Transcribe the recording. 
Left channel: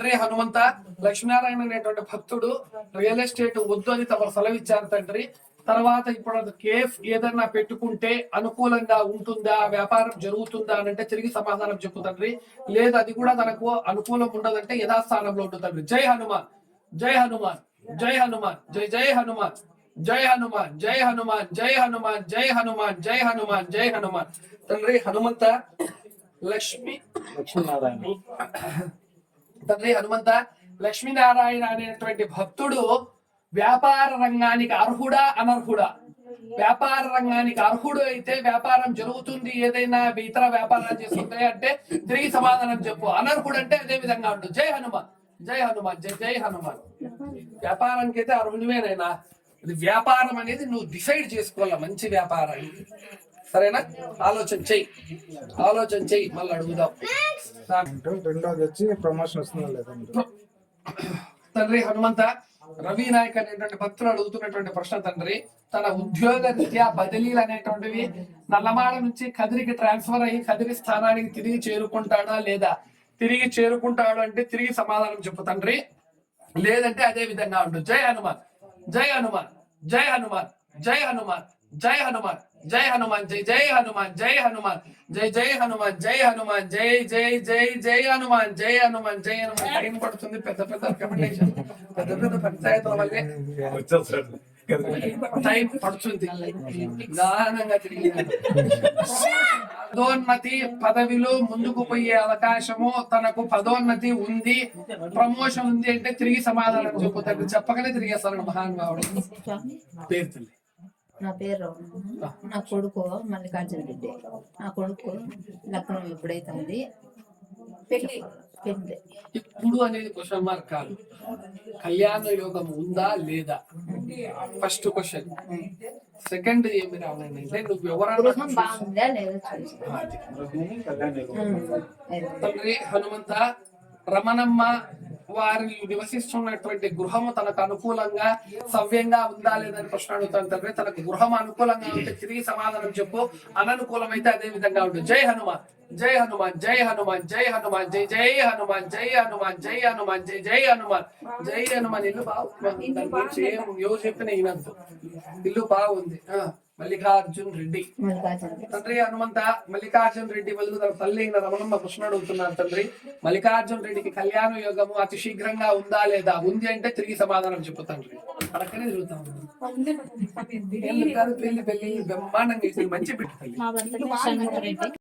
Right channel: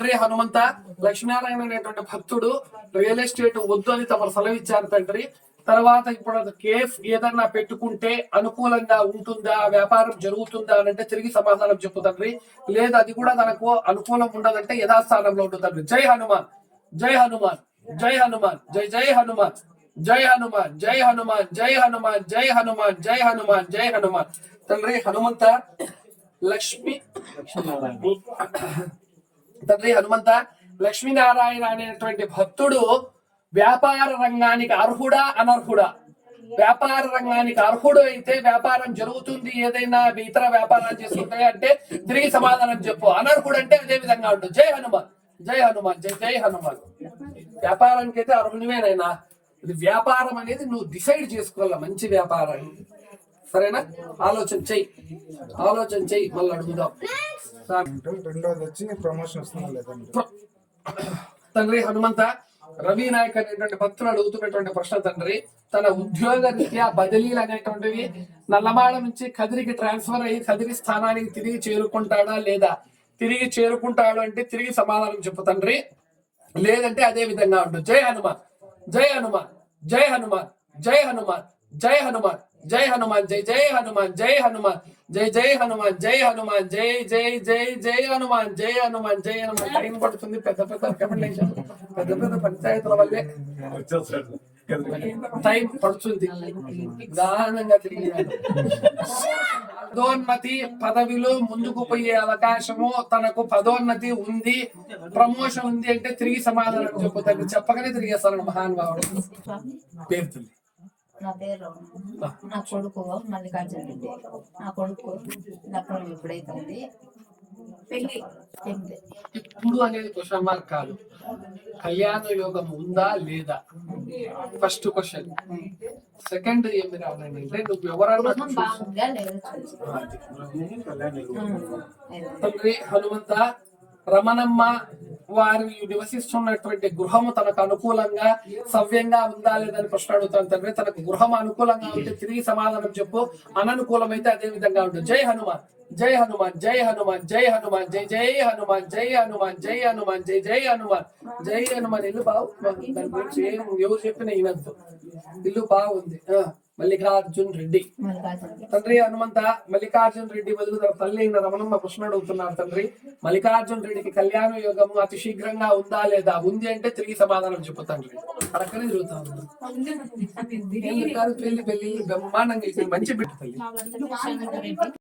తండ్రి హనుమంత లక్ష్మీనారాయణ అనేటువంటి భక్తుడు రియల్ ఎస్టేట్ వద్దు అని తమరు సెలవు ఇచ్చారు తండ్రి. తర్వాత ఇప్పుడు అది కేఫ్ ఏదన్నా పెట్టుకుంటే అనుకూలంగా ఉంటుందా? వ్యాపారం జరుగుతుందా అని అంటే తిరిగి సమాధానం చెప్పు తండ్రి. లేదు అది కూడా తనకు అనుకూలం ఉండదంటే యథాస్థానంలో ఉంటుంది జై హనుమాన్ జై హనుమాన్ జై హనుమాన్ జై జై హనుమాన్ జై హనుమాన్ జై హనుమాన్ జై హనుమాన్ జై హనుమాన్ జై హనుమాన్ జై హనుమాన్. తండ్రి హనుమంత లక్ష్మి తండ్రి హనుమంత. లక్ష్మీనారాయణ అనేటువంటి భక్తుడు వ్యాపార రంగానికి అర్హుడా అనర్హుడా? వ్యాపార రంగానికి అర్హుడు అయితే వ్యాపారం జరుగుతుంది. ఏదైనా ఇతర వ్యాపారాలు చేస్తుంటాయి అంటే తిరిగి సమాధానం చెప్పు. అనర్హుడు అంటే అదే విధంగా ఉంటుంది జై హనుమాన్. జై హనుమాన్. జై జై హనుమాన్. వ్యాపారానికి అయితే అర్హునివేనైనా. ఇది వ్యాపారం అనేది నువ్వు డిసైడ్ చేసుకోవాల మంచి వ్యాపారాన్ని? సరేనా? ఆలోచన చెయ్యి. ఆలోచన చెయ్యి. మళ్ళీ అడుగుదాం. రెండోది వచ్చి ప్రమోషన్ వస్తుందా లేదండి తండ్రి హనుమంత రవి నాయక్ అనేటువంటి భక్తులు అడుగుతున్నటువంటి ప్రశ్న తండ్రి. తన ఉద్యోగ రీత్యా బదిలీలు అనేటువంటివి నల్లమాడ నుంచి కదిరికి ట్రాన్స్ఫర్ అయ్యి కదిరి స్థానానికి తిరిగి చేరుకుంటాడా లేదా? తిరిగి చేరుకుంటాడు అంటే తిరిగి సమాధానం చెప్పు తండ్రి. లేదంటే అదే విధంగా ఉండు. జై హనుమాన్ జై హనుమాన్ జై హనుమాన్ జై హనుమాన్ జై హనుమాన్. జై హనుమాన్ జై జై హనుమాన్ జై హనుమాన్ జై జై హనుమాన్ జై హనుమాన్ జై జై జై జై హనుమాన్ జై హనుమాన్ జై హనుమాన్. టైం పడుతుంది పెద్ద పెద్ద రికమెండేషన్ పెద్ద పెద్ద పంచాయతీల వల్లే. టైం పడుతుంది. తిరిగి పదోన్నతి పదవిలో ముందుకు పోయే అవకాశము తనకు పదోన్నతి ఉంది. ప్రమోషన్ ఉంది అంటే తిరిగి సమాధానం చెప్పుతాడు చెప్పగానే తిరిగేస్తాను మహానుభావుడు. పేరు తల్లి నా పేరు నా కొడుకు మల్లికార్జున రెడ్డి. నా కొడుకు లగ్నం ఎప్పుడైతుంది పెళ్ళి పెళ్ళి. ఇప్పుడు అనేది క్వశ్చన్ మార్క్ కాదు. కళ్యాణ యోగం ఉందా లేదా? ఫస్ట్ క్వశ్చన్ సెకండ్ ఏమి రావాలంటే నువ్వు ఎవరన్నా బాగుందా లేదా తండ్రి హనుమంత రమణమ్మ వారు నివసిస్తున్నటువంటి గృహము తనకు అనుకూలంగా సవ్యంగా ఉందా లేదని ప్రశ్న అడుగుతాను తండ్రి. తనకు గృహం అనుకూలంగా ఉంటే తిరిగి సమాధానం చెప్పు. అననుకూలమైతే అదే విధంగా ఉంటుంది. జై హనుమాన్ జై హనుమాన్ జై హనుమాన్ జై హనుమాన్ జై జై హనుమాన్ జై హనుమాన్ జై హనుమాన్ జై జై హనుమాన్ జై హనుమాన్. ఇల్లు బాగుంది. దాని గురించి ఏం ఎవరు చెప్పిన వినద్దు. ఇల్లు బాగుంది. మల్లికార్జున్ రెడ్డి. తండ్రి హనుమంత మల్లికార్జున రెడ్డి బదులు తన తల్లి అయిన రమణమ్మ కృష్ణ అడుగుతున్నారు తండ్రి. మల్లికార్జున రెడ్డికి కళ్యాణ యోగము అతి శీఘ్రంగా ఉందా లేదా? ఉంది అంటే తిరిగి సమాధానం చెప్పు తండ్రి. అక్కడే తిరుగుతాను పెళ్ళి పెళ్ళి పెళ్ళి బ్రహ్మాండంగా మంచి బిడ్డ తల్లి